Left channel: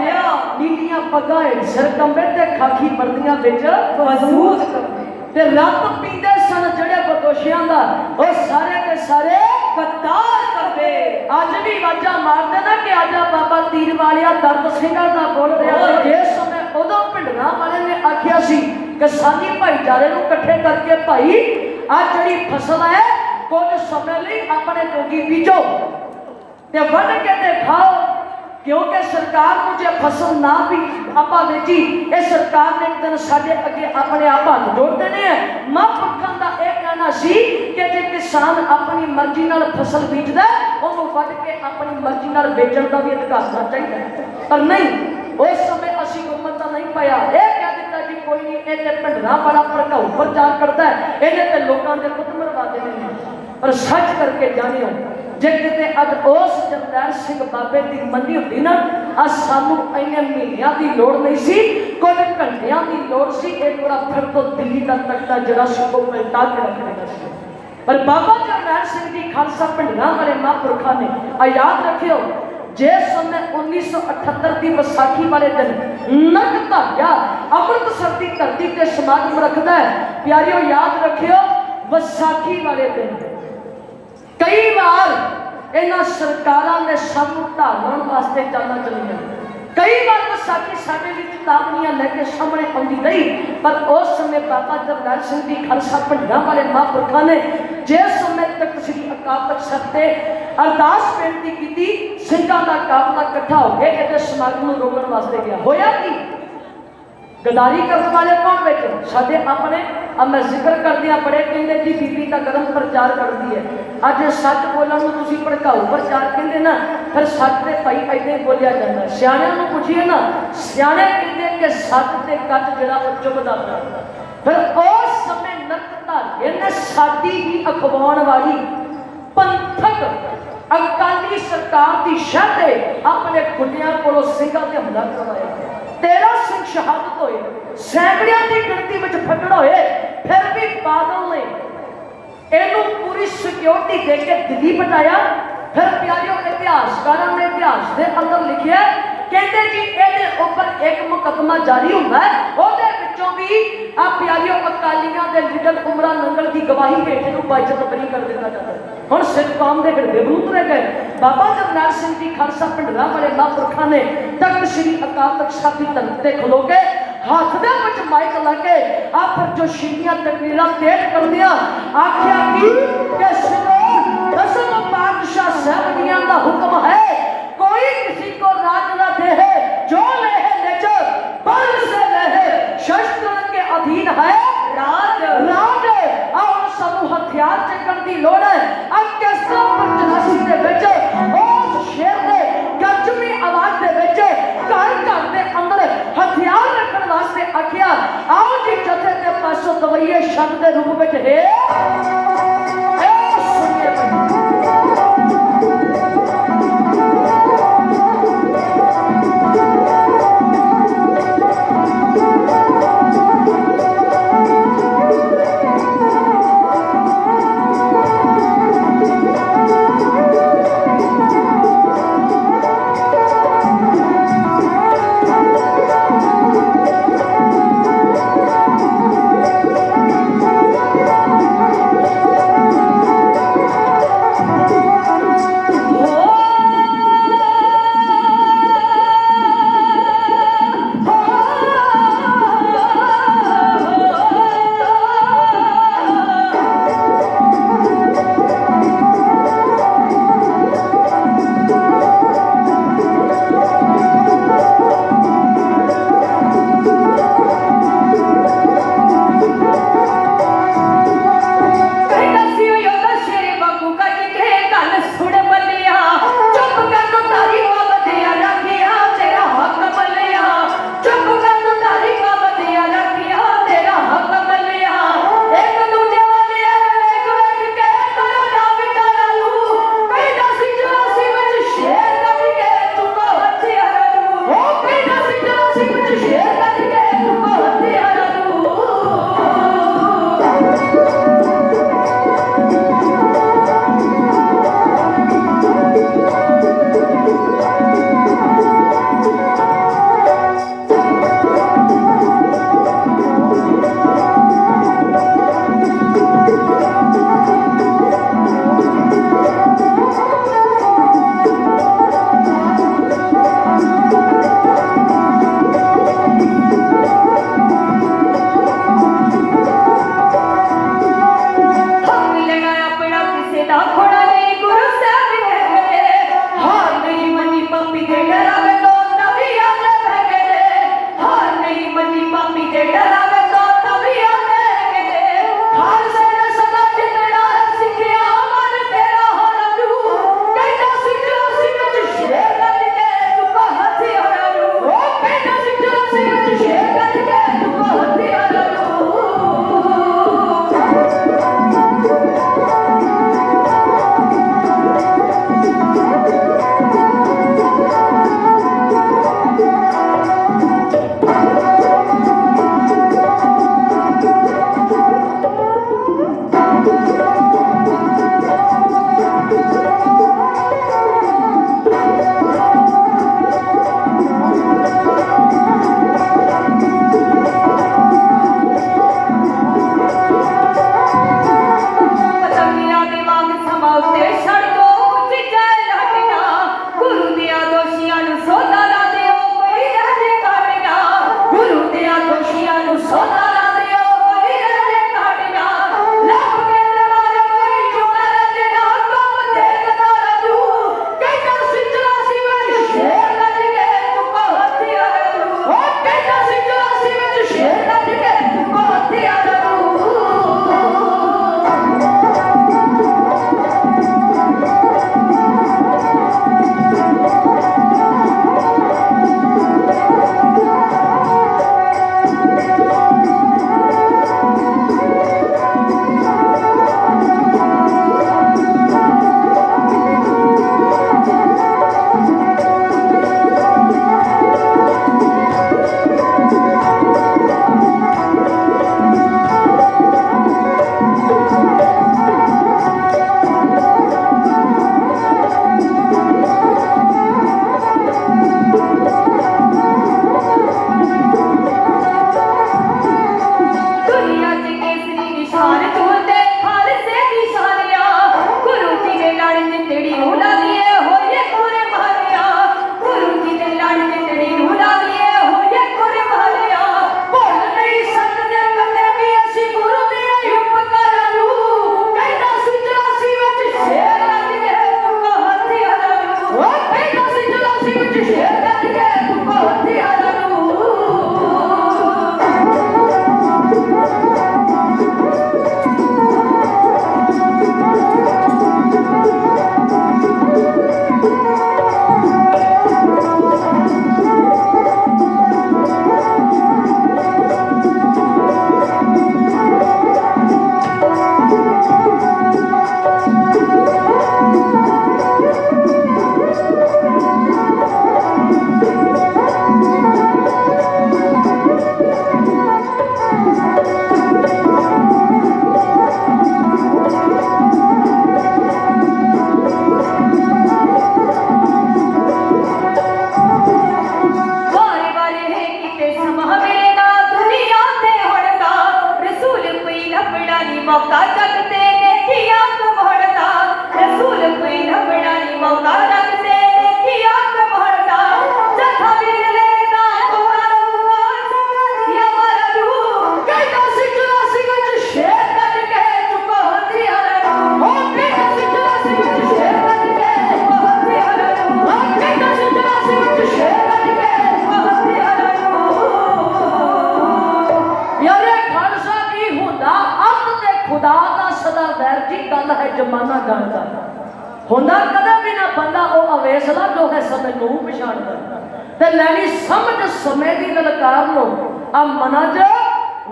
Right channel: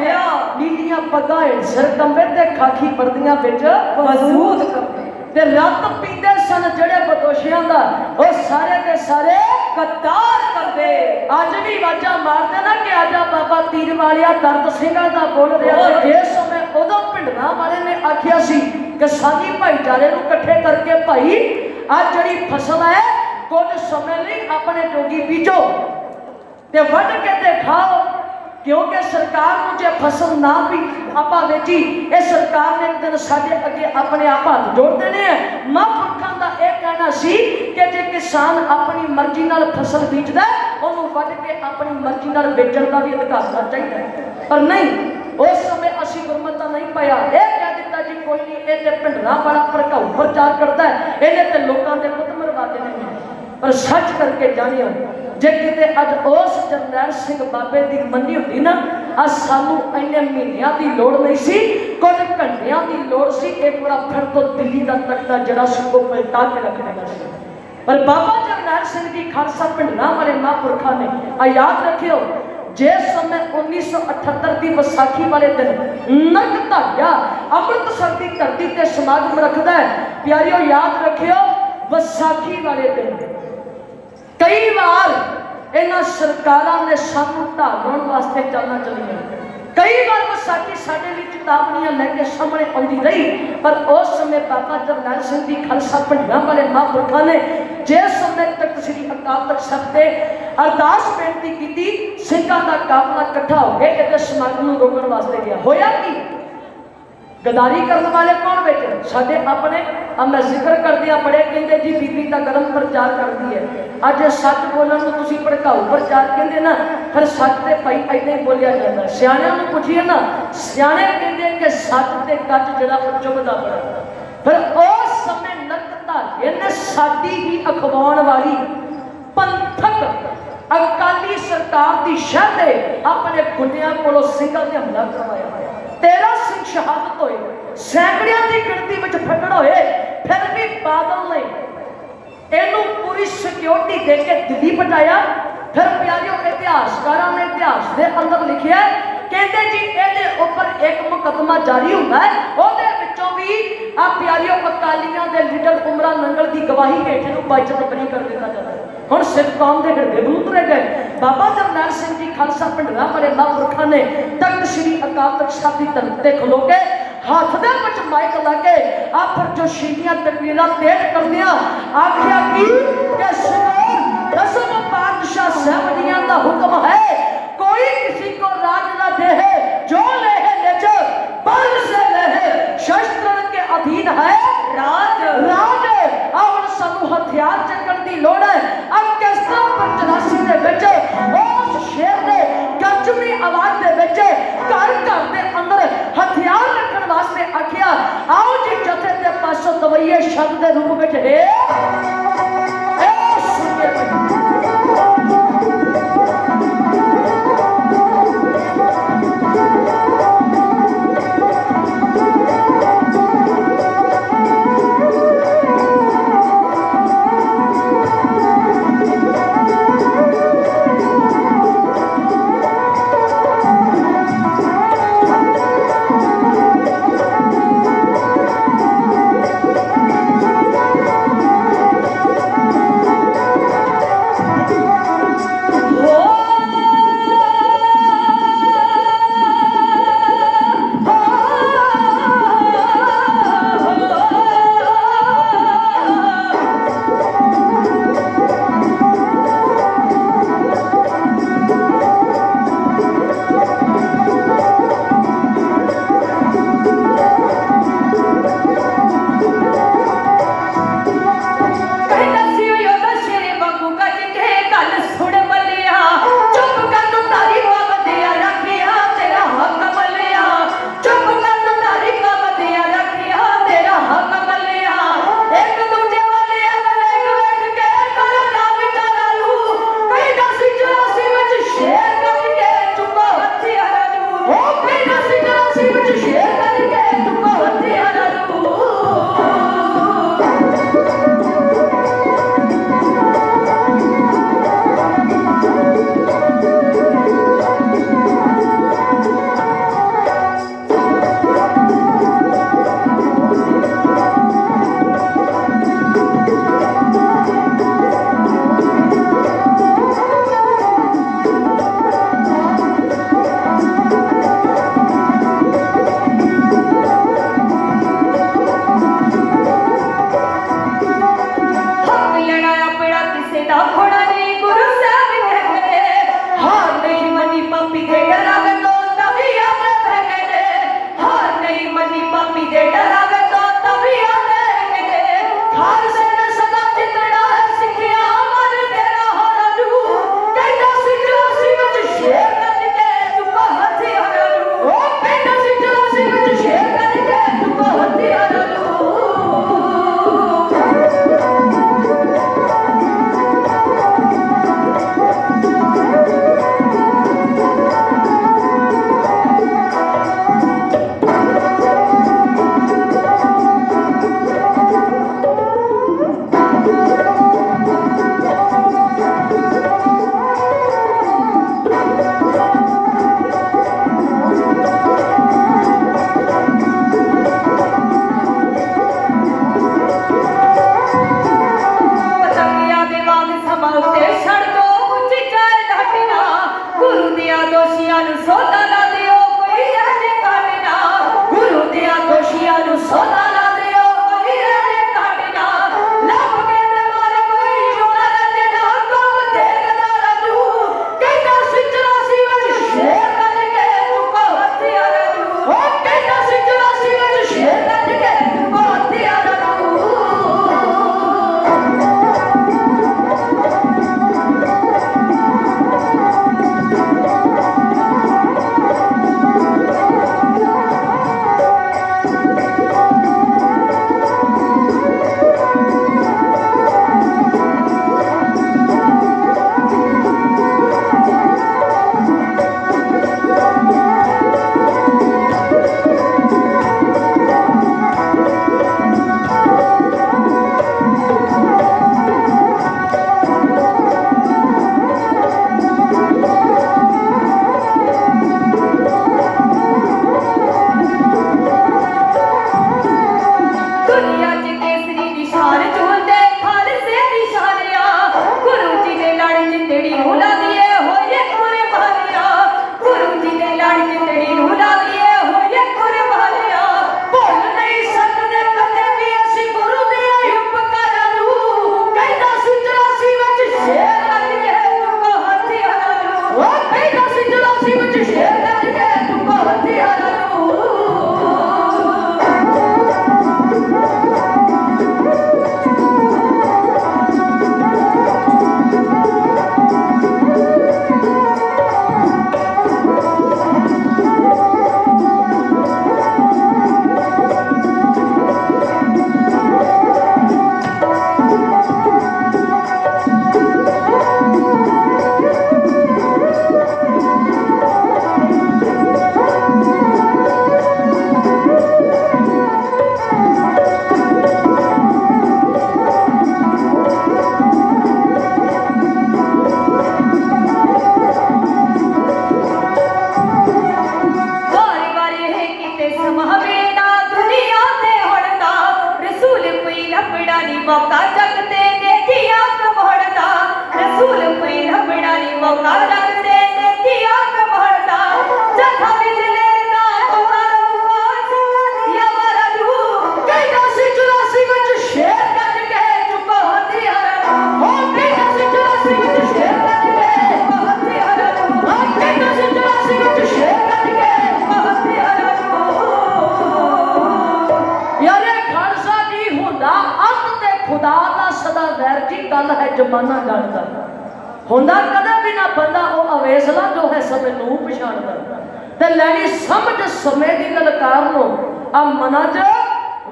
गया नीलियां पगां सिर कंबे ते खाकी वर्दियां विच मजबूत कपड़े ते रत पींदे सन जड़े बदोशियां दा वो सारे के सारे कतार करदे अज भी वाजा मारदे ना कि आजा बाबा तीर वालिया दर्द ਸਿੰਘਾਂ ਦਾ बोल रहा है जिस समय उदों भिंडरां वाले ने आखिया सी कि साडी भाईचारे नूं इकट्ठे करके भाई आ जड़ी फसल है कुछ समय लई अपने जोगी बीजो ते वढ के ते खाओ क्योंकि सरकार को जो फसल ना भी आपा बेची ये सरकार ने एक दिन साडे अगे अपने आप हाथ जोड़ देने हैं महापुरखों का यह कहना सी कि जे किसान अपनी मर्जी नाल फसल बीजदा उन्होंने वढ के अपनी मर्जी नाल बेचण का भी अधिकार होना चाहिए पर नहीं उस समय असीं गुरमत नहीं पाया ये कह दिता जी कोई नहीं ये ते भिंडरां वाला भड़काऊ प्रचार करता है इन्हें ते लोगों के पुत मरवा देने पर सच करके जानियो जे किते अज उस जरनैल सिंह बाबे की मंडी होती ना अज सानू इन्ने महीनों की लोड़ नहीं सी कुछ घंटिया की लोड़ सी एक बार फिर तो दिल्ली का तख्ता जरा सिक्को पलटा के रखने का पर बाबा जरनैल सिंह जी खालसा भिंडरां वाले महापुरखों ने याद रखियो जिस समय 1978 की विसाखी वाले दिन नरक धागा अमृतसर की धरती से समागम रखता है प्यारियों याद रखियो विसाखी वाले दिन कई बार इन्हां सरकारां ने सानू ढालण वास्ते जाना चलिया कई बार विसाखी साडे लिए चेतावनियां लेके सामने आउंदी रही पर उस समय बाबा जरनैल सिंह जी खालसा भिंडरां वाले महापुरखों ने जिस समय तक श्री अकाल तख्त साहिब ते अरदास बेनती की सिंघां दा काफला इकट्ठा हो गया कि समागम नूं रोकण वास्ते गया होया की गदारी करने वाले कौन बैठे साडे अपने मैं जिक्र कर दिया बड़े कहते जी बीबी का गरम प्रचार करती है अज सच बोलने को तुम भड़काऊ प्रचार कहते ना फिर सच तो भाई ऐसे ही बोलिया जाता सियाणियां नूं पुछिए ना सियाणे कहते कि सच ते गच जड़ा चुभदा पड़ा फिर उस समय नरक धागे ने साडी ही अखवाउण वाली पंथक अकाली सरकार की शह ते अपने गुंडियां कोलों सिंघां ते हमला करवाया 13 सिंह शहादत होए सैकड़ियां की गिनती में फटड़ होए फिर भी बादल ने इनू पूरी सिक्योरिटी दे के दिल्ली पहुंचाया फिर प्यारियों इतिहासकारों ने इतिहास के अंदर लिखा कहते जी ये ऊपर एक मुकदमा जारी होता है ਉਹਦੇ ਵਿੱਚੋਂ भी आ प्यारियों अकालियां के लीडर उमरा नंगल की गवाही हेठ नूं बाइज्जत बरी कर दिया जाता है हुण सिख कौम के हिरदे रूप रह गए बाबा जरनैल सिंह जी खालसा भिंडरां वाले महापुरखों ने तख्त श्री अकाल तख्त साहिब की धरती ते खलो के हाथ दे विच माइक लगे आ फिर जो शीलियां तकरीरां तेज करदियां आखिया कि दसम पातशाह साहब दियां दा हुक्म है कोई किसी को राज न दे जो ले निज बल से ले शस्त्र के अधीन है राज राज और सानू हथियार चकण दी लोड़ है अब किस तरह पर 84 दे विच उस शेर ने गर्जनी आवाज दे विच घर घर दे अंदर हथियार रखण वास्ते आखिया आओ जी जथे दे पासों दवाइए शब्द के रूप में दे जमाना जानता होंदा कदे भी ना बंदा वो अवेसला जो है समय नूं पछाणदा ते लैनी समझ समय दी ललकार नो आ मना च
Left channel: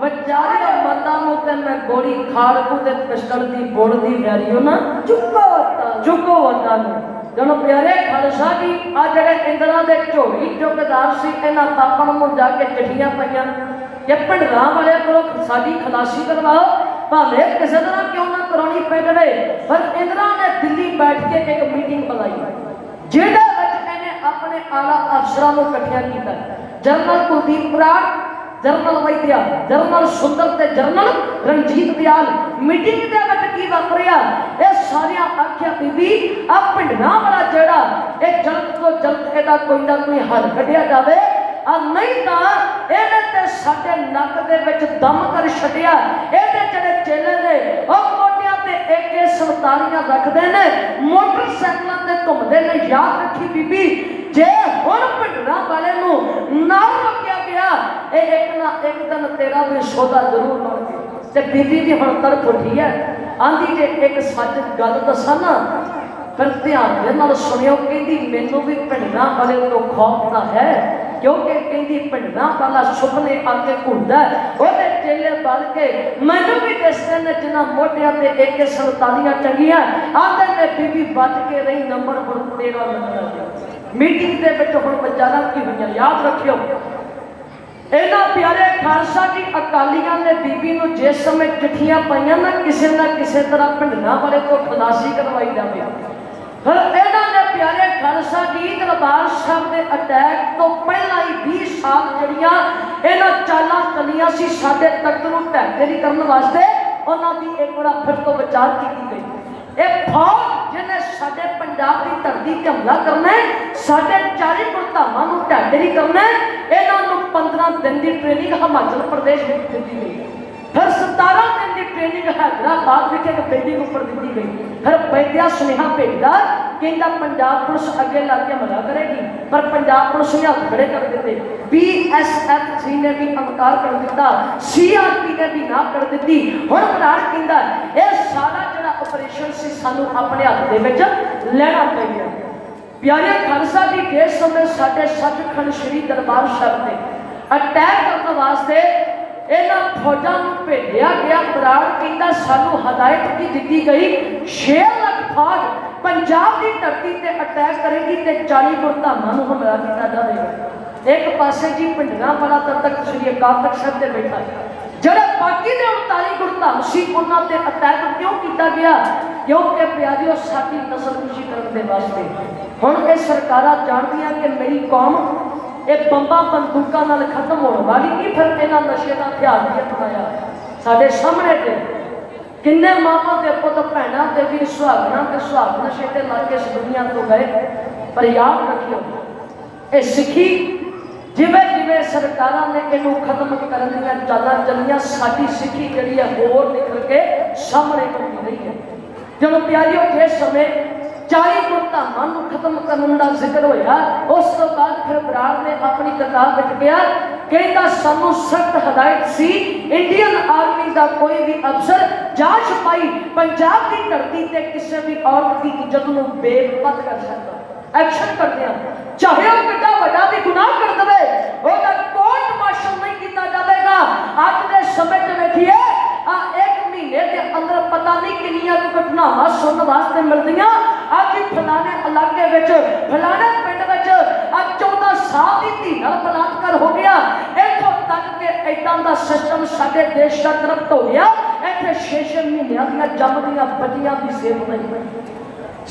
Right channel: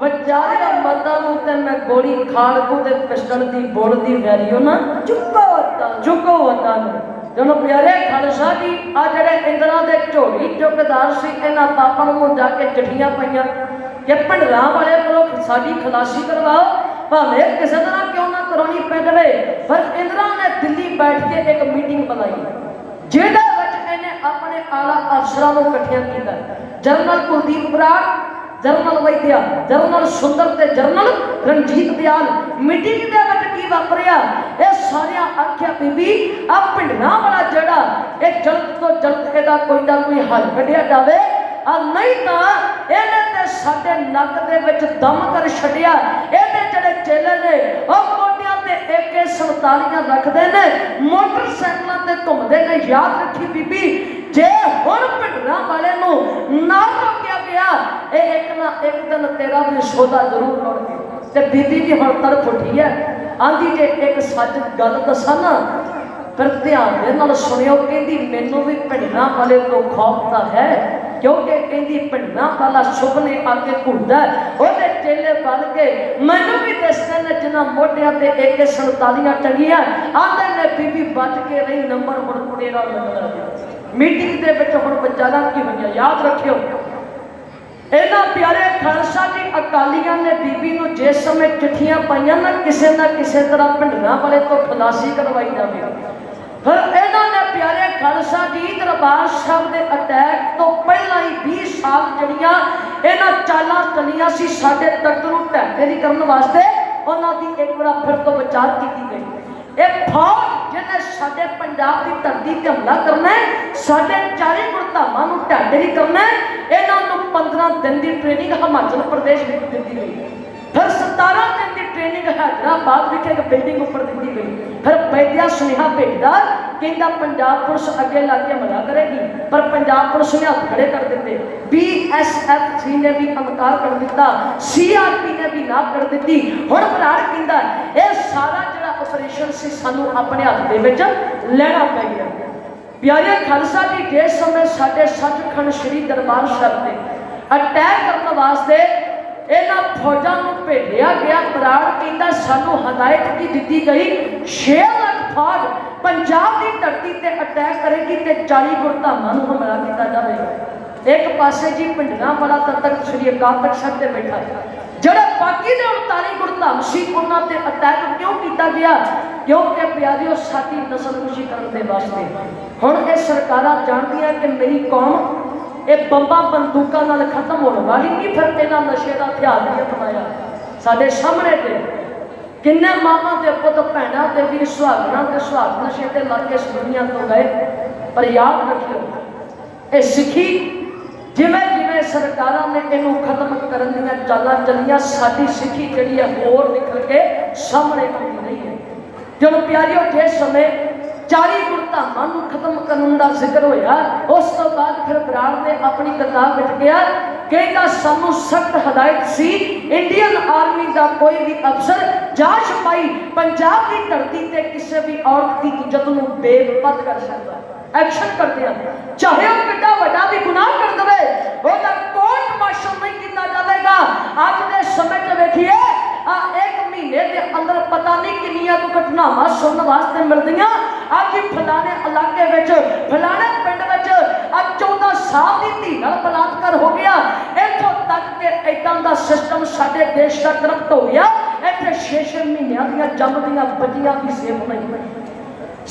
विचारे मतां नूं ते मैं गोली खाड़ को ते पिस्टल दी बोड़ दी वैरियो ना चुको वता जनो प्यारे खालसा जी आ जड़े इंद्रा दे झोली चौकीदार सी इन्हां तापन नूं जाके चिट्ठियां पईयां कि पिंडरां वाले कोलों साडी खलासी करवाओ भावें किसी तरह क्यों ना करानी पै जावे पर इंद्रा ने दिल्ली बैठ के एक मीटिंग बुलाई जिहदे विच इहने अपने आला अफसरां नूं इकट्ठियां कीता जनरल कुलदीप बराड़ जनरल वैद्या जनरल सुंदर ते जनरल रणजीत दयाल मीटिंग दे विच की वापरिया ये सारियां आख्या बीबी आ पिंडरां वाला जेड़ा ये जल्द तो जल्द एदा कोई ना कोई हल कढिया जावे आ नहीं तां इहने ते साडे नक दे विच दम कर छड्डिया इहदे जेड़े चेले ने ओ मोटियां ते AK-47 रखदे ने मोटरसाइकलां ते घुमदे ने याद रखी बीबी जे हुण पिंडरां वाले नूं ना रोकिया गया एक ना एक दिन तेरा भी सौदा जरूर बन गया ते बीबी दी हुण तरफ उठी है आंदी जे एक सच गल दसां ना फिर ध्यान दे नाल सुनियो कहंदी मैनूं भी पिंडरां वाले तो खौफ तां है क्योंकि कहंदी पिंडरां वाला सुपने आके घुलदा ओहदे चेले बन के मैनूं भी दसदे ने जिन्हां मोढियां ते AK-47 टंगियां आंदे ने बीबी बच के रही नंबर हुण तेरा लगदा मीटिंग दे विच हुण विचारां की होईयां याद रखियो इन्हां प्यारे खालसा जी अकालियां ने बीबी नूं जिस समय चिट्ठियां पाईयां ना किसी तरह पिंडरां वाले तो खलासी करवाई जावे फिर इन्हां ने प्यारे खालसा जी दरबार साहब दे अटैक तो पहला ही 20 साल जड़ियां इन्हां चालां चलियां सी साडे तख्त नूं ढांढेरी करन वास्ते उन्हां दी एक बार फिर तो विचार कीती गई एक फौज जिन्हें साडे पंजाब की धरती ते हमला करना है साडे 40 गुरधामां नूं ढांढेरी करना है इन्हां नूं 15 दिन की ट्रेनिंग हिमाचल प्रदेश में दी गई फिर 17 दिन की ट्रेनिंग हैदराबाद विच एक बिल्डिंग उपर दी गई फिर वैद्या सुनेहा भेजदा कहंदा पंजाब पुलिस अगे ला के हमला करेगी पर पंजाब पुलिस ने हथ खड़े कर दिते BSF ने भी इनकार कर दिता CRP ने भी ना कर दी हुण बराड़ कहंदा यह सारा जिहड़ा ऑपरेशन सी सानू अपने हाथ दे विच लेना पईया प्यारे खालसा जी जिस समय साडे सचखंड श्री दरबार साहिब ते अटैक करने वास्ते इन्हां फौजां नूं भेजिया गया बराड़ कहंदा सानू हदायत की दी गई 6 लाख फौज पंजाब की धरती ते अटैक करेगी ते 40 गुरधामां नूं हमला कीता जावेगा एक पासे जी पिंडरां वाला तख्त श्री अकाल तख्त साहिब ते बैठा ਜਿਹੜੇ ਬਾਕੀ ਦੇ 39 ਗੁਰਧਾਮ ਸੀ ਉਹਨਾਂ ਤੇ ਅਟੈਕ ਕਿਉਂ ਕੀਤਾ ਗਿਆ ਕਿਉਂਕਿ ਪਿਆਰਿਓ ਸਾਡੀ ਨਸਲਕੁਸ਼ੀ ਕਰਨ ਦੇ ਵਾਸਤੇ ਹੁਣ ਇਹ ਸਰਕਾਰਾਂ ਜਾਣਦੀਆਂ ਕਿ ਮੇਰੀ ਕੌਮ ਇਹ ਬੰਬਾਂ ਬੰਦੂਕਾਂ ਨਾਲ ਖਤਮ ਹੋਣ ਵਾਲੀ ਨਹੀਂ ਫਿਰ ਇਹਨਾਂ ਨਸ਼ੇ ਦਾ ਹਥਿਆਰ ਵੀ ਅਪਣਾਇਆ ਸਾਡੇ ਸਾਹਮਣੇ ਤੇ ਕਿੰਨੇ ਮਾਵਾਂ ਦੇ ਪੁੱਤ ਭੈਣਾਂ ਤੇ ਵੀ ਸੁਹਾਗਣਾ ਤੇ ਸੁਹਾਗ ਨਸ਼ੇ ਤੇ ਲਾ ਕੇ ਇਸ ਦੁਨੀਆ ਤੋਂ ਗਏ ਪਰ ਯਾਦ ਰੱਖਿਓ ਇਹ ਸਿੱਖੀ जिवें जिवें सरकारां ने इनू खत्म करन दीयां चालां चलियां साडी सिक्खी जिहड़ी है होर निकल के सामने आउंदी रही है जदों प्यारियों जिस समय 40 गुरधामां नूं खत्म करन दा जिक्र होया उस तो बाद फिर बराड़ ने अपनी किताब विच किया कहंदा सानू सख्त हदायत सी इंडियन आर्मी दा कोई भी अफसर जा सिपाही पंजाब की धरती ते किसी भी औरत की इज्जत नूं बेपत कर सकदा एक्शन करते हैं चाहे वो कितना बड़ा भी गुनाह कर दे ओदा कोर्ट मार्शल नहीं किया जाएगा आज के समय च देखिए एक महीने के अंदर पता नहीं कितनी घटनावां सुनने वास्ते मिलदियां आज फलाने इलाके विच फलाने पिंड विच 14 साल की धी नाल बलात्कार हो गया इत्थों तक के इदां दा सिस्टम साडे देश दा करप्ट हो गया इत्थे 6-6 महीनों दी जमदियां बच्चियां दी सेहत नहीं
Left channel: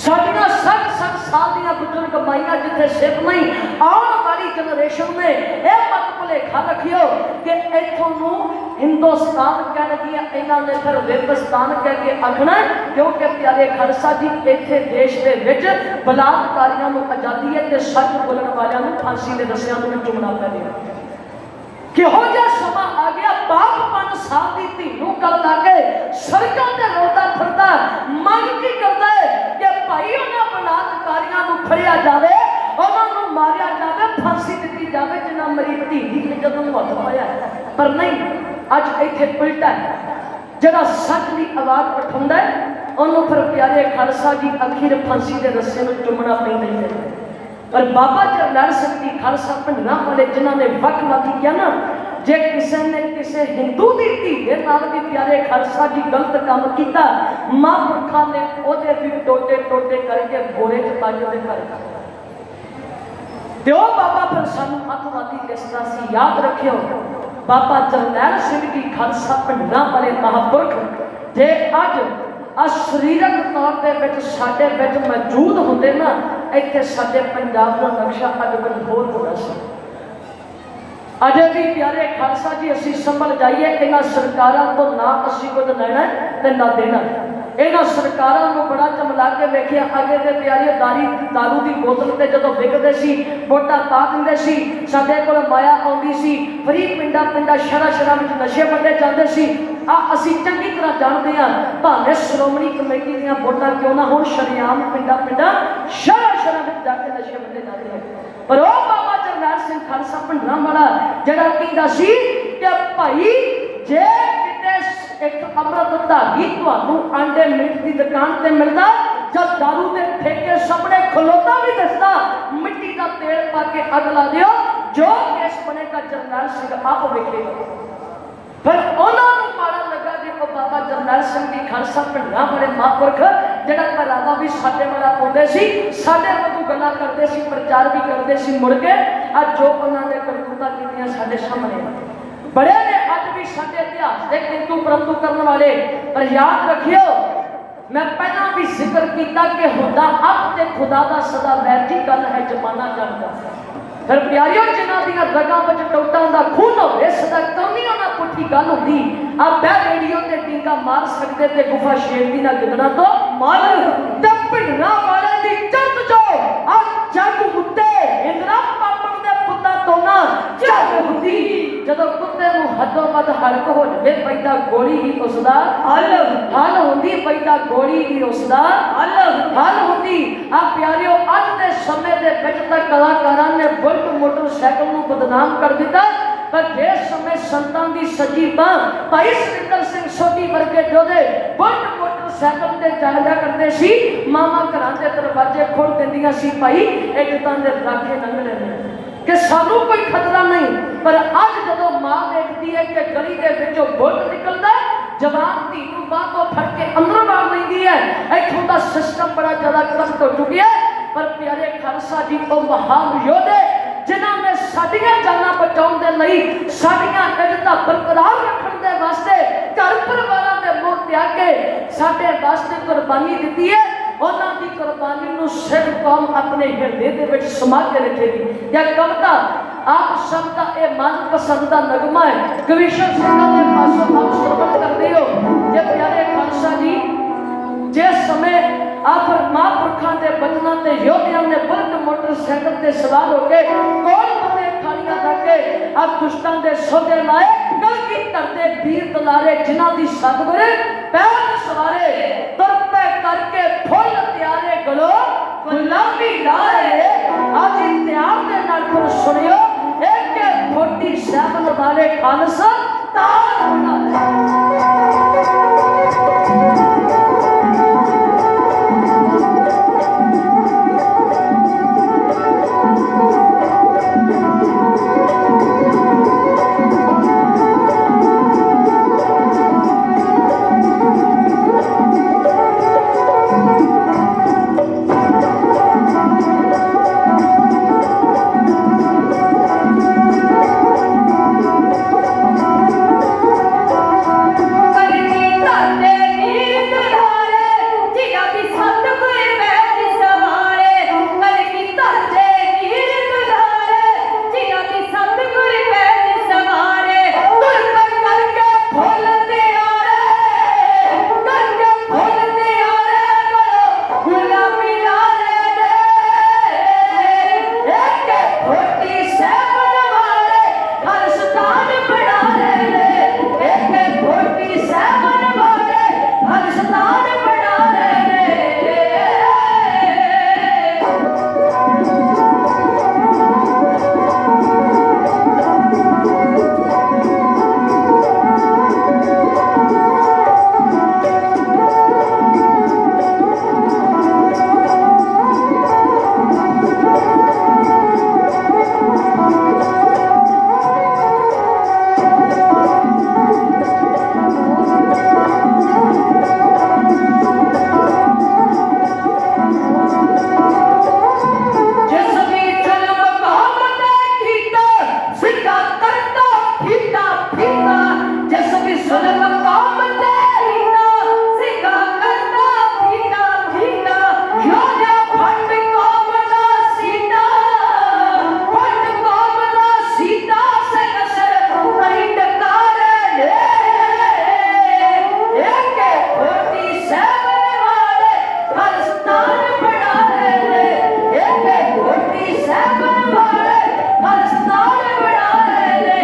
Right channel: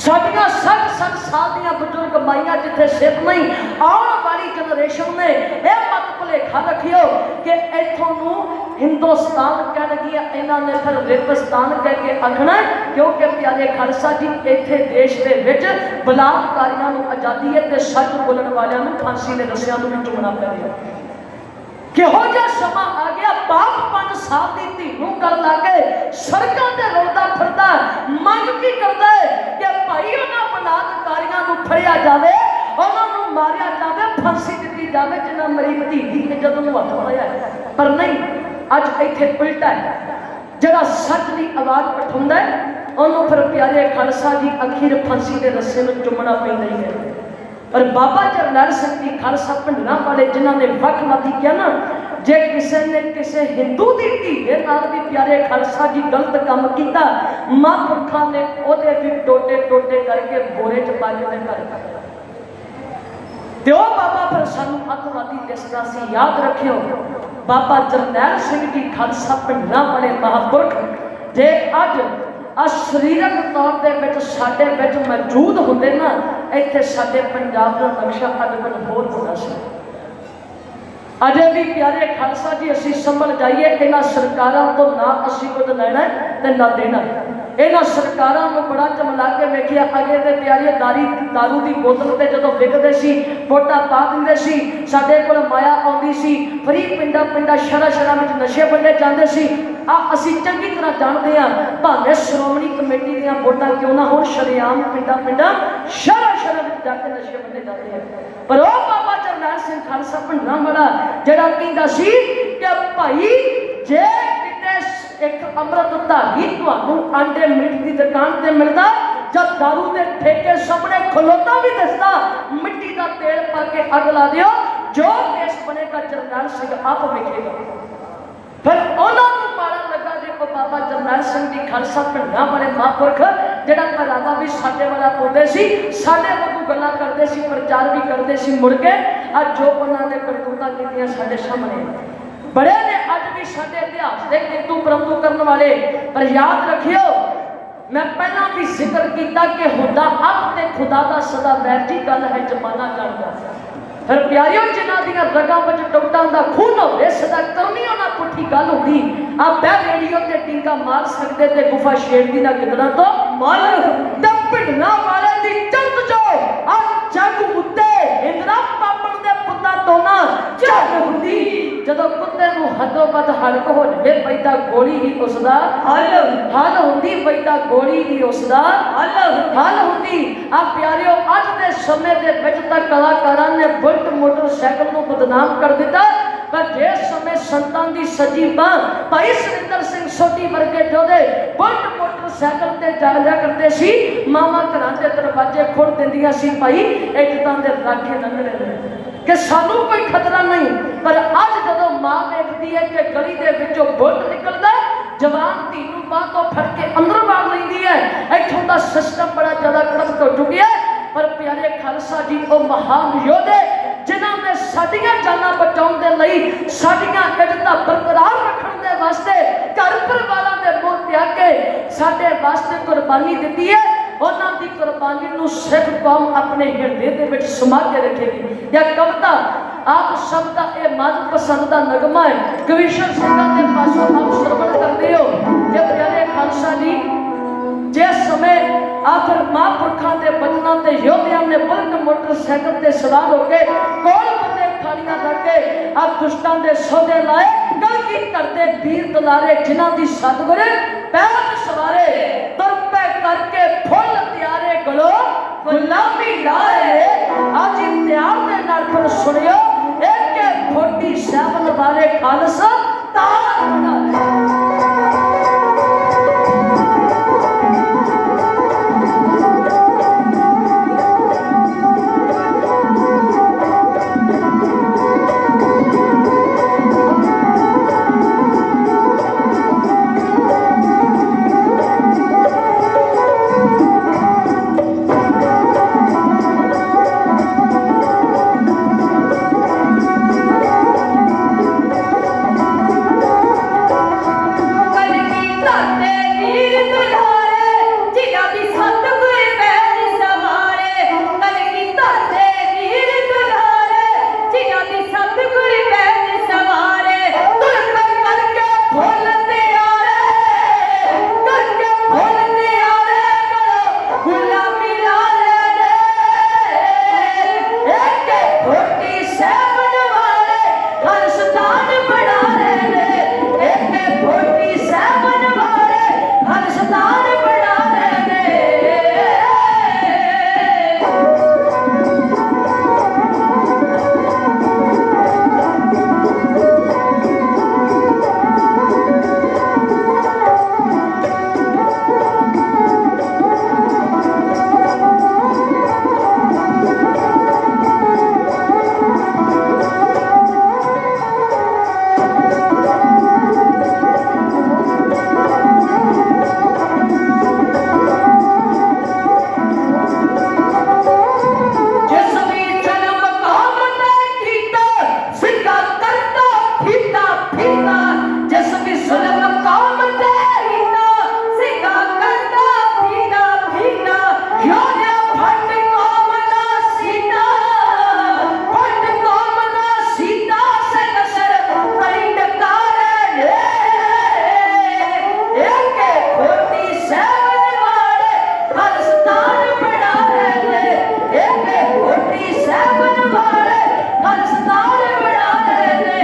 साडियां 60 साल दी बुजुर्ग माइयां जिथे सिर नहीं आने वाली जनरेशन ने यह मत भुलेखा रखियो कि इथों नूं हिंदुस्तान कह लगी इन्हां ने फिर रेगिस्तान कह के आखना क्योंकि प्यारे खालसा जी इत्थे देश दे विच बलात्कारियां नूं आजादी है ते सच बोलण वालियां नूं फांसी दे रस्सियां नूं चुमना पै रिहा किहो जिहा समा आ गया बाप 5 साल दी धी नूं गल ला के सड़कां ते रोदा फिरदा मंग की करदा है कि भाई उन्हां बलात्कारियां नूं फड़िया जावे उन्हां नूं मारिया जावे फांसी दित्ती जावे जिन्हां मेरी धी दी इज्जत नूं हत्थ पाया पर नहीं अज इत्थे उल्टा है जिहड़ा सच दी आवाज़ उठाउंदा है ਉਹਨੂੰ ਫਿਰ ਪਿਆਰੇ ਖਾਲਸਾ ਜੀ ਅਖੀਰ ਫਾਂਸੀ ਦੇ ਰੱਸੇ ਨੂੰ ਚੁੰਮਣਾ ਪੈਂਦਾ ਹੀ ਹੈ। ਪਰ ਬਾਬਾ ਜਰਨੈਲ ਸਿੰਘ ਜੀ ਖਾਲਸਾ ਭਿੰਡਰਾਂ ਵਾਲੇ ਜਿਨ੍ਹਾਂ ਨੇ ਵੱਖ-ਵੱਖ ਕਿਹਾ ਨਾ, ਜੇ ਕਿਸੇ ਨੇ ਕਿਸੇ ਹਿੰਦੂ ਦੀ ਧੀ ਦੇ ਨਾਲ ਵੀ ਪਿਆਰੇ ਖਾਲਸਾ ਜੀ ਗਲਤ ਕੰਮ ਕੀਤਾ, ਮਹਾਂਪੁਰਖਾਂ ਨੇ ਉਹਦੇ ਵੀ ਟੋਟੇ ਟੋਟੇ ਕਰਕੇ ਬੋਰੇ 'ਚ ਪਾ ਕੇ ਘਰ ਤੇ ਉਹ ਬਾਬਾ ਫਿਰ ਸਾਨੂੰ ਅੱਤਵਾਦੀ ਦਿਸਦਾ ਸੀ। ਯਾਦ ਰੱਖਿਓ, ਬਾਬਾ ਜਰਨੈਲ ਸਿੰਘ ਜੀ ਖਾਲਸਾ ਭਿੰਡਰਾਂ ਵਾਲੇ ਮਹਾਂਪੁਰਖ ਜੇ ਅੱਜ ਸਰੀਰਕ ਤੌਰ ਦੇ ਵਿੱਚ ਸਾਡੇ ਵਿੱਚ ਮੌਜੂਦ ਹੁੰਦੇ ਨਾ, ਇੱਥੇ ਸਾਡੇ ਪੰਜਾਬ ਦਾ ਨਕਸ਼ਾ ਅੱਜ ਤੱਕ ਹੋਰ ਹੋਣਾ ਸੀ। ਅਜੇ ਵੀ ਪਿਆਰੇ ਖਾਲਸਾ ਜੀ ਅਸੀਂ ਸੰਭਲ ਜਾਈਏ, ਇਹਨਾਂ ਸਰਕਾਰਾਂ ਤੋਂ ਨਾ ਅਸੀਂ ਕੁਝ ਲੈਣਾ ਤੇ ਨਾ ਦੇਣਾ। ਇਹਨਾਂ ਸਰਕਾਰਾਂ ਨੂੰ ਬੜਾ ਚਮਲਾ ਕੇ ਵੇਖਿਆ, ਅੱਗੇ ਦੇ ਪਿਆਰੇ ਦਾਰੂ ਦੀ ਬੋਤਲ ਤੇ ਜਦੋਂ ਵਿਕਦੇ ਸੀ ਵੋਟਾਂ ਪਾ ਦਿੰਦੇ ਸੀ, ਸਾਡੇ ਕੋਲ ਮਾਇਆ ਆਉਂਦੀ ਸੀ, ਫਰੀ ਪਿੰਡਾਂ ਸ਼ਹਿਰਾਂ ਵਿੱਚ ਨਸ਼ੇ ਵੰਡੇ ਜਾਂਦੇ ਸੀ। ਅਸੀਂ ਚੰਗੀ ਤਰ੍ਹਾਂ ਜਾਣਦੇ ਹਾਂ, ਭਾਵੇਂ ਸ਼੍ਰੋਮਣੀ ਕਮੇਟੀ ਦੀਆਂ ਵੋਟਾਂ ਕਿਉਂ ਨਾ ਹੋਣ, ਸ਼ਰੇਆਮ ਪਿੰਡਾਂ ਸ਼ਹਿਰਾਂ ਵਿੱਚ ਜਾ ਕੇ ਨਸ਼ੇ ਵੰਡੇ ਜਾਂਦੇ ਹਨ। ਪਰ ਉਹ ਬਾਬਾ ਜਰਨੈਲ ਸਿੰਘ ਖਾਲਸਾ ਭਿੰਡਰਾਂ ਵਾਲਾ ਜਿਹੜਾ ਕਹਿੰਦਾ ਸੀ ਕਿ ਭਾਈ ਜੇ ਕਿਤੇ ਇੱਕ ਅੰਮ੍ਰਿਤ ਧਾਰੀ ਤੁਹਾਨੂੰ ਆਂਡੇ ਮੀਟ ਦੀ ਦੁਕਾਨ ਤੇ ਮਿਲਦਾ, ਜਦ ਦਾਰੂ ਦੇ ਠੇਕੇ ਸਾਹਮਣੇ ਖਲੋਤਾ ਵੀ ਦਿਸਦਾ, ਮਿੱਟੀ ਦਾ ਤੇਲ ਪਾ ਕੇ ਅੱਗ ਲਾ ਦਿਓ, ਜੋ ਕੇਸ ਬਣੇਗਾ ਜਰਨੈਲ ਸਿੰਘ ਆਪ ਵੇਖੇਗਾ। ਫਿਰ ਉਹਨਾਂ ਨੂੰ ਮਾੜਾ ਲੱਗਾ ਜੀ ਉਹ ਬਾਬਾ ਜਰਨੈਲ ਸਿੰਘ ਜੀ ਖਾਲਸਾ ਭਿੰਡਰਾਂ ਵਾਲੇ ਮਹਾਂਪੁਰਖ ਜਿਹੜਾ ਘਰਾਂ ਦਾ ਵੀ ਸਾਡੇ ਵਾਲਾ ਪਾਉਂਦੇ ਸੀ, ਸਾਡੇ ਵਾਂਗੂ ਗੱਲਾਂ ਕਰਦੇ ਸੀ, ਪ੍ਰਚਾਰ ਵੀ ਕਰਦੇ ਸੀ। ਮੁੜ ਕੇ ਅੱਜ ਜੋ ਉਹਨਾਂ ਨੇ ਕਰਤੂਤਾਂ ਕੀਤੀਆਂ ਸਾਡੇ ਸਾਹਮਣੇ ਬੜੇ ਨੇ, ਅੱਜ ਵੀ ਸਾਡੇ ਇਤਿਹਾਸ ਦੇ ਕਿੰਤੂ ਪਰੰਤੂ ਕਰਨ ਵਾਲੇ। ਪਰ ਯਾਦ ਰੱਖਿਓ, ਮੈਂ ਪਹਿਲਾਂ ਵੀ ਜ਼ਿਕਰ ਕੀਤਾ ਕਿ ਹੁੰਦਾ ਆਪ ਤੇ ਖੁਦਾ ਦਾ ਸਦਾ ਵੈਰ ਦੀ ਗੱਲ ਹੈ, ਜ਼ਮਾਨਾ ਜਾਣਦਾ। ਫਿਰ ਪਿਆਰਿਓ, ਜਿਨ੍ਹਾਂ ਦੀਆਂ ਰਗਾਂ ਵਿੱਚ ਟੁੱਟਾਂ ਦਾ ਖੂਨ ਹੋਵੇ, ਸਦਾ ਕਰਨੀ ਉਹਨਾਂ ਪੁੱਠੀ ਗੱਲ ਹੁੰਦੀ। ਆਪ ਬੈ ਰੇਡੀਓ ਤੇ ਟੀਕਾ ਮਾਰ ਸਕਦੇ ਤੇ ਗੁਫਾ ਸ਼ੇਰ ਦੀ ਨਾ ਗਿੱਦੜਾਂ ਤੋਂ ਮਾਲ ਤੇ ਭਿੰਡਰਾਂ ਵਾਲੇ ਦੀ ਚੜ੍ਹ ਜੋ ਆ ਜੱਗ ਉੱਤੇ ਇੰਦਰਾ ਪਾਪਣ ਦੇ ਪੁੱਤਾਂ ਤੋਂ ਨਾ ਝੱਗ ਹੁੰਦੀ। ਜਦੋਂ ਕੁੱਤੇ ਨੂੰ ਹੱਦੋਂ ਵੱਧ ਹਲਕ ਹੋ ਜਾਵੇ, ਪੈਦਾ ਗੋਲੀ ਹੀ ਉਸਦਾ ਹੱਲ ਹੁੰਦੀ, ਪੈਦਾ ਗੋਲੀ ਹੀ ਉਸਦਾ ਹੱਲ ਹੁੰਦੀ। ਆ ਪਿਆਰਿਓ, ਅੱਜ ਦੇ ਸਮੇਂ ਦੇ ਵਿੱਚ ਤਾਂ ਕਲਾਕਾਰਾਂ ਨੇ ਬੁਲਟ ਮੋਟਰਸਾਈਕਲ ਨੂੰ ਬਦਨਾਮ ਕਰ ਦਿੱਤਾ, ਪਰ ਜਿਸ ਸਮੇਂ ਸੰਤਾਂ ਦੀ ਸੱਜੀ ਬਾਂਹ ਭਾਈ ਸੁਰਿੰਦਰ ਸਿੰਘ ਸੋਢੀ ਵਰਗੇ ਜੋਧੇ ਬੁਲਟ ਮੋਟਰਸਾਈਕਲ ਤੇ ਜਾਇਆ ਕਰਦੇ ਸੀ, ਮਾਵਾਂ ਘਰਾਂ ਦੇ ਦਰਵਾਜ਼ੇ ਖੋਲ ਦਿੰਦੀਆਂ ਸੀ, ਭਾਈ ਇੱਜ਼ਤਾਂ ਦੇ ਰਾਖੇ ਲੰਘਦੇ ਨੇ ਕਿ ਸਾਨੂੰ ਕੋਈ ਖਤਰਾ ਨਹੀਂ। ਪਰ ਅੱਜ ਜਦੋਂ ਮਾਂ ਵੇਖਦੀ ਹੈ ਕਿ ਗਲੀ ਦੇ ਵਿੱਚੋਂ ਬੁਲਟ ਨਿਕਲਦਾ, ਜਵਾਨ ਧੀ ਨੂੰ ਬਾਹ ਤੋਂ ਫੜ ਕੇ ਅੰਦਰ ਮਾਰ ਲੈਂਦੀ ਹੈ, ਇੱਥੋਂ ਦਾ ਸਿਸਟਮ ਬੜਾ ਜ਼ਿਆਦਾ ਕਰਪਟ ਹੋ ਚੁੱਕਿਆ। ਪਰ ਪਿਆਰੇ ਖਾਲਸਾ ਜੀ ਉਹ ਮਹਾਨ ਯੋਧੇ ਜਿਨ੍ਹਾਂ ਨੇ ਸਾਡੀਆਂ ਜਾਨਾਂ ਬਚਾਉਣ ਦੇ ਲਈ, ਸਾਡੀਆਂ ਇੱਜ਼ਤਾਂ ਬਰਕਰਾਰ ਰੱਖਣ ਦੇ ਵਾਸਤੇ ਘਰ ਪਰਿਵਾਰਾਂ ਦੇ ਮੋਹ ਤਿਆਗ ਕੇ ਸਾਡੇ ਵਾਸਤੇ ਕੁਰਬਾਨੀ ਦਿੱਤੀ ਹੈ, ਉਹਨਾਂ ਦੀ ਕੁਰਬਾਨੀ ਨੂੰ ਸਿੱਖ ਕੌਮ ਆਪਣੇ ਹਿਰਦੇ ਦੇ ਵਿੱਚ ਸਮਾ ਕੇ ਰੱਖੇਗੀ। ਇਹ ਕਵਿਤਾ ਆਪ ਸਭ ਦਾ ਇਹ ਮਨ ਪਸੰਦ ਦਾ ਨਗਮਾ ਹੈ, ਕਵੀਸ਼ਰ ਸਿੰਘਾਂ ਦੇ ਪਾਸੋਂ ਆਪ ਸਰਵਣ ਕਰਦੇ ਹੋ ਕਿ ਪਿਆਰੇ ਖਾਲਸਾ ਜੀ, ਜਿਸ ਸਮੇਂ ਆਪ ਮਹਾਂਪੁਰਖਾਂ ਦੇ ਬਚਨਾਂ ਤੇ ਯੋਧਿਆਂ ਨੇ ਬੁਲਟ ਮੋਟਰਸਾਈਕਲ ਤੇ ਸਵਾਰ ਹੋ ਕੇ ਕੋਲ ਬੰਦੇ ਖਾਲੀਆਂ ਕਰਕੇ ਆਪ ਦੁਸ਼ਟਾਂ ਦੇ ਸੌਦੇ ਲਾਏ, ਗਲਤੀ ਕਰਦੇ ਵੀਰ ਦਲਾਰੇ ਜਿਨ੍ਹਾਂ ਦੀ ਸਤਿਗੁਰ ਪੈਰ ਸਵਾਰੇ, ਤੁਰ ਪੈ ਕਰਕੇ ਫੁੱਲ ਤਿਆਰੇ ਗਲੋ ਗੁਲਾਮੀ ਲਾਏ। ਅੱਜ ਇਤਿਹਾਸ ਦੇ ਨਾਲ ਫਿਰ ਸੁਣਿਓ, ਇੱਕ ਫੋਟੀ ਸਾਹਿਬ ਵਾਲੇ ਖਾਲਸਾ ਤਾਜ ਬਣਾ ਲਿਆ। सिका करता फिरता फिरता जिस भी जुल्म काम तेरीना सिका करता फिरता फिरता योजा फट काम ना सीता फट काम ना सीता से नसर नहीं डकारे एक खोटी सेवन वाले खालिस्तान बना ले एक खोटी सेवन वाले खालिस्तान बना ले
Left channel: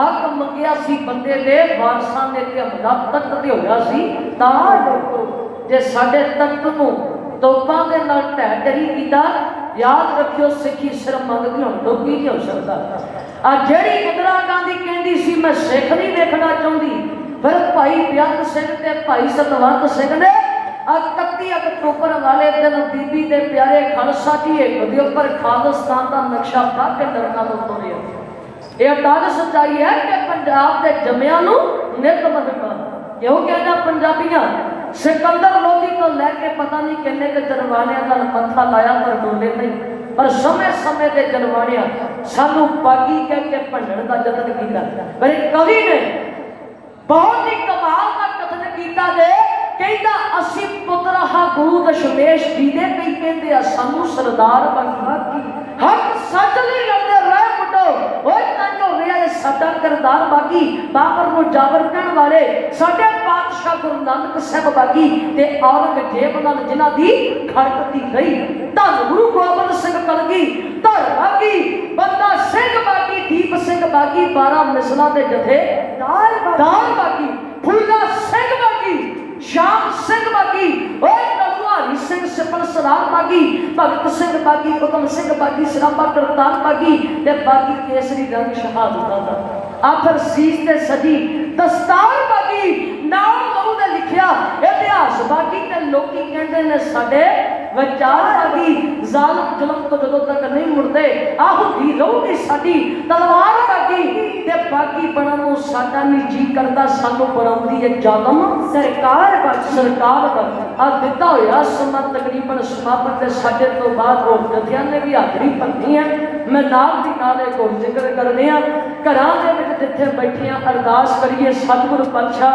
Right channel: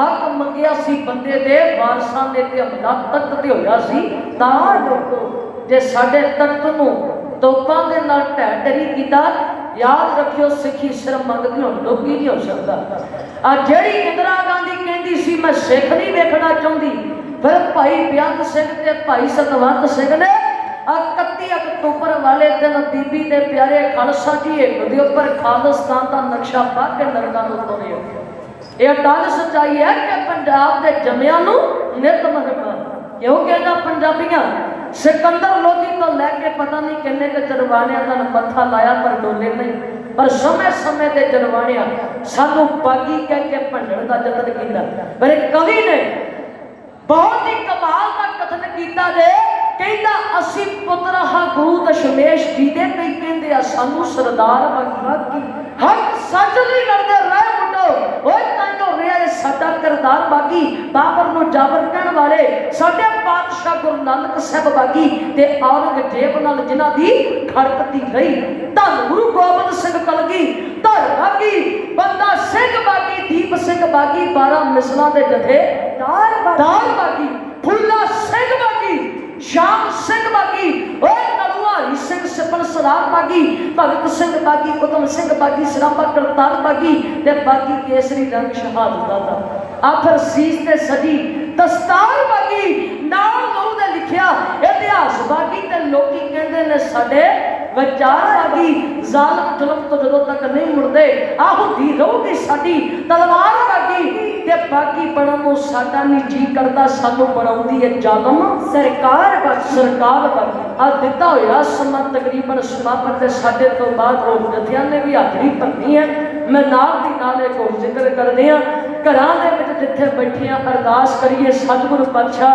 हक मंगिया सी बंदे दे वारसां दे ते हमला तख्त ते होया सी तां देखो जे साडे तख्त नूं तोपां दे नाल ढह ढरी कीता याद रखियो सिक्खी सिर मंगदी हुण लोकी नहीं हो सकदा आ जेड़ी इंदिरा गांधी कहंदी सी मैं सिख नहीं देखना चाहुंदी फिर भाई बेअंत सिंह ते भाई सतवंत सिंह ने 31 अक्तूबर वाले दिन बीबी दे प्यारे खालसा जी एक दे ऊपर खालिस्तान का नक्शा पा के नरकां नूं तोड़िया ये अटल सच्चाई है कि पंजाब के जमिया नित मरका क्यों कहना पंजाबियां सिकंदर लोधी तो लैके पता नहीं किन्ने के जरवाणियां का मत्था लाया पर डोले नहीं पर समय समय के जरवाणियां सानू बागी कह के भंडण का यतन किया पर कवि ने बहुत ही कमाल का कथन किया जे कहता असी पुत्र हा गुरु दशमेश जी दे कई कहते आ सानू सरदार बनना की हक सच नहीं लड़ते रह मुंडो ओए ताइयो रिया साडा किरदार बागी बाबर नु जाबर कहण वाले साडे पातशाह गुरु नानक साहब बागी ते औरंगजेब नाल जिन्हां दी खड़कती रही धन गुरु गोबिंद सिंह कलगी धर बागी बंदा सिंह बागी दीप सिंह बागी 12 मिसलां दे जथे दार बागी फूला सिंह बागी श्याम सिंह बागी और नलवारी सिंह सिपल सलाम बागी भगत सिंह बागी उतम सिंह बागी सराबा करतार बागी ते बागी केसरी रंग शहादत दा आखिर सीस ते सजी दस्तार बागी नाम गुरु ने लिखिया इतिहास बागी ते लोकी कहंदे ने साडे विचार बागी जालिम जुल्म तो जदों तक नहीं मुड़दे आहू दी रहूगी साडी तलवार बागी ते बागी बनन नूं साडा नहीं जी करदा सानू बनाउंदी है जालम सरकार बागी आ दिता होया समा तकरीबन समापत ते साडे तो बाद होर जथियां ने भी हाजरी भरनी है मैं नाल दी नाल एक होर जिक्र करदे आ घरां दे विच जिथे बैठे आ अरदास करिए सतगुरु पातशाह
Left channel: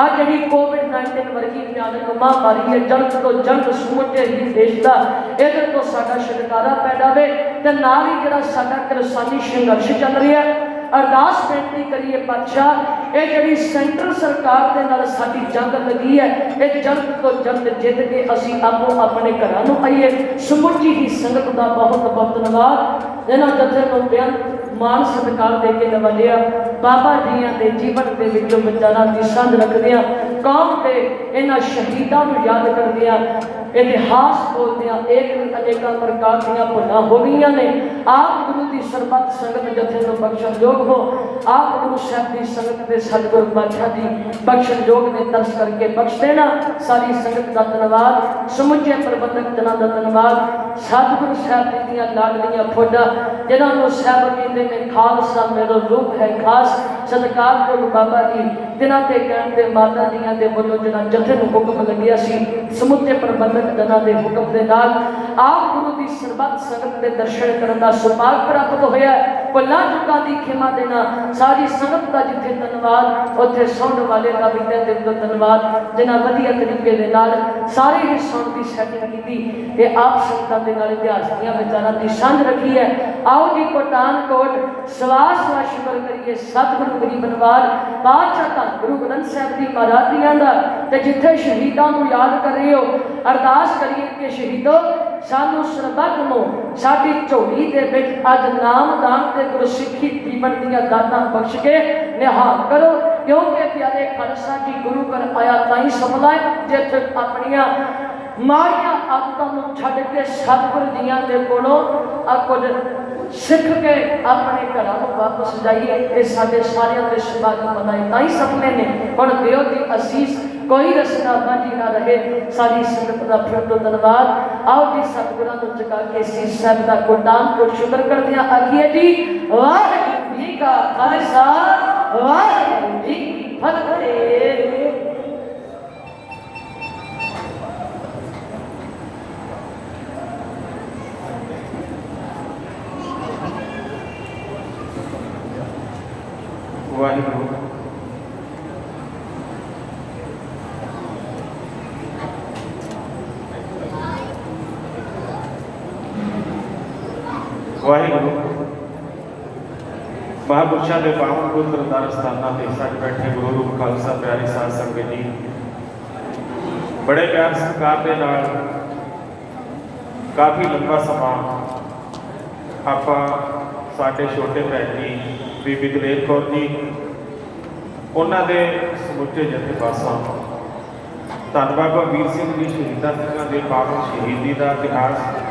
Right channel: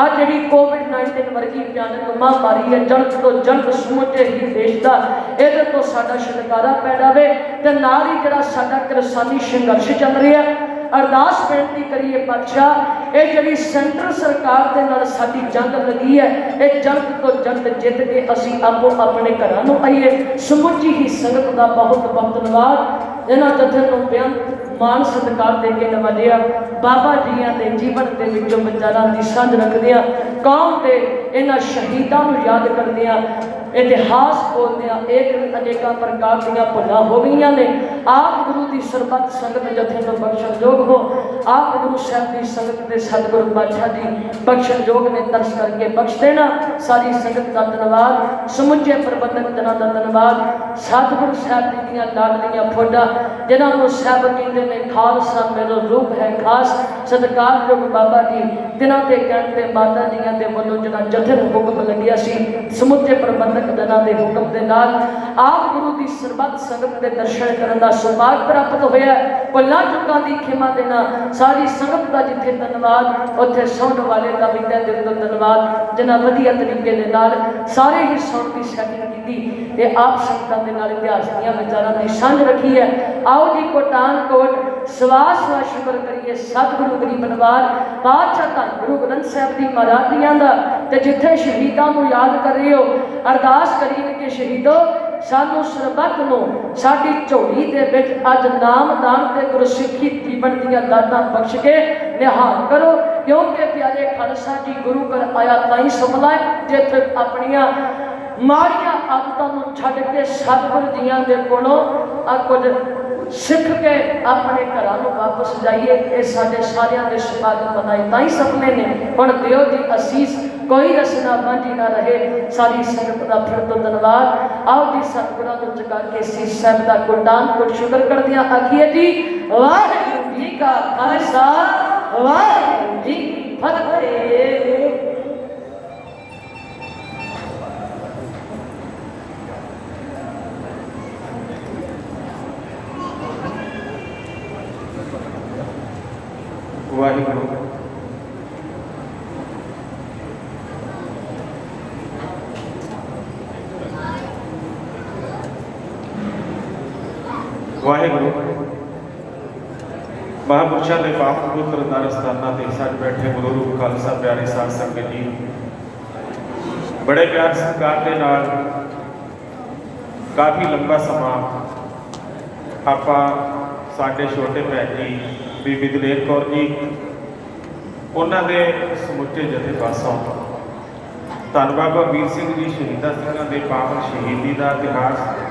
आ जी कोविड-19 वर्गी भयानक महामारी है जल्द तो जल्द समूचे ही देश का इहदे तो साडा छुटकारा पै जावे ते नाल ही जिहड़ा साडा किसानी संघर्ष चल रहा है अरदास बेनती करिए पातशाह ये जिहड़ी सेंट्रल सरकार दे नाल साडी जंग लगी है ये जल्द तो जल्द जित के असीं आपो अपने घरां नूं आईए समूची ही संगत का बहुत बहुत धन्यवाद इन्हां जथे नूं बेअंत मान सत्कार दे के नवाजिया बाबा जियां दे जीवन दे विचों विचारां दी सांझ रखदे आ कौम दे इन्हां शहीदां नूं याद करदे आ इतिहास बोलदे आ एक अनेकां प्रकार दीयां भुल्लां हो गईयां ने आप गुरु दी सरबत संगत जथे नूं बख्शण योग हो आप गुरु साहब दी संगत दे सतगुरु बादशाह दी बख्शण योग ने तरस करके बख्श देना सारी संगत दा धन्यवाद समुचे प्रबंधक जनां दा धन्यवाद सतगुरु साहब जी दीयां लाडलियां फौजां जिन्हां नूं साहब कहंदे ने खालसा मेरो रूप है खास सत्कारयोग बाबा जी तिन्हां ते कहण ते माता जीआं दे वल्लों जिहड़ा जथे नूं हुक्म लग्या सी समुचे प्रबंधक जनां दे हुक्म दे नाल आप गुरु दी सरबत संगत दे दर्शन करन दा सुभाग प्राप्त होया भुल्लां चुकां दी खिमा देना सारी संगत दा जिथे धन्यवाद उत्थे सुणन वाले दा भी तहे दिल तों धन्यवाद जिन्हां वधिया तरीके दे नाल सारे ही सुण दी सैटिंग कीती ते आप संगतां दे नाल इतिहास दीयां विचारां दी सांझ रखी है आओ जी कोटानकोट सवास शुक्र करिए सतगुरु गरीब नवाज पातशाह धन गुरु ग्रंथ साहब जी महाराज जियां दा ते जिथे शहीदां नूं याद कर रहे हो अरदास करिए कि शहीदो सानू सरबत नूं साडी झोली दे विच अज नामदान ते गुरसिੱਖੀ जीवन दीयां दातां बख्श के निहाल करो क्योंकि प्यारे खालसा जी गुरु घर आया ताई सफला है जिथे अपनियां माड़ियां आदतां नूं छड्ड के सतगुरु जियां दे कोलों कुछ सिख के अपने घरां नूं वापस जाइए ये साडे सारियां दे सुभाग बनाए ताई सपने ने हुण दिओ दी असीस कोई रसना बांझी ना रहे सारी संगत का फिर तो धन्यवाद आओ जी सतगुरां नूं जगा के सीस साहब का कोटानकोट शुक्र करदियां आखिए जी वाहिगुरू जी का खालसा वाहिगुरू जी की फतेह। वाहिगुरू वाहिगुरू महापुरुषों के पावन पुत्र दार स्थाना ते साथ बैठे गुरु खालसा प्यारी साध संगत जी बड़े प्यार सत्कार के नाल काफ़ी लंबा समा आप ਸਾਡੇ ਛੋਟੇ ਭੈਣ ਜੀ ਬੀਬੀ ਦਲੇਰ ਕੌਰ ਜੀ, ਉਹਨਾਂ ਦੇ ਸਮੁੱਚੇ ਜਥੇ ਪਾਸੋਂ ਧੰਨ ਬਾਬਾ ਵੀਰ ਸਿੰਘ ਜੀ ਸ਼ਹੀਦਾਂ ਸਿੰਘਾਂ ਦੇ ਪਾਵਨ ਸ਼ਹੀਦੀ ਦਾ ਇਤਿਹਾਸ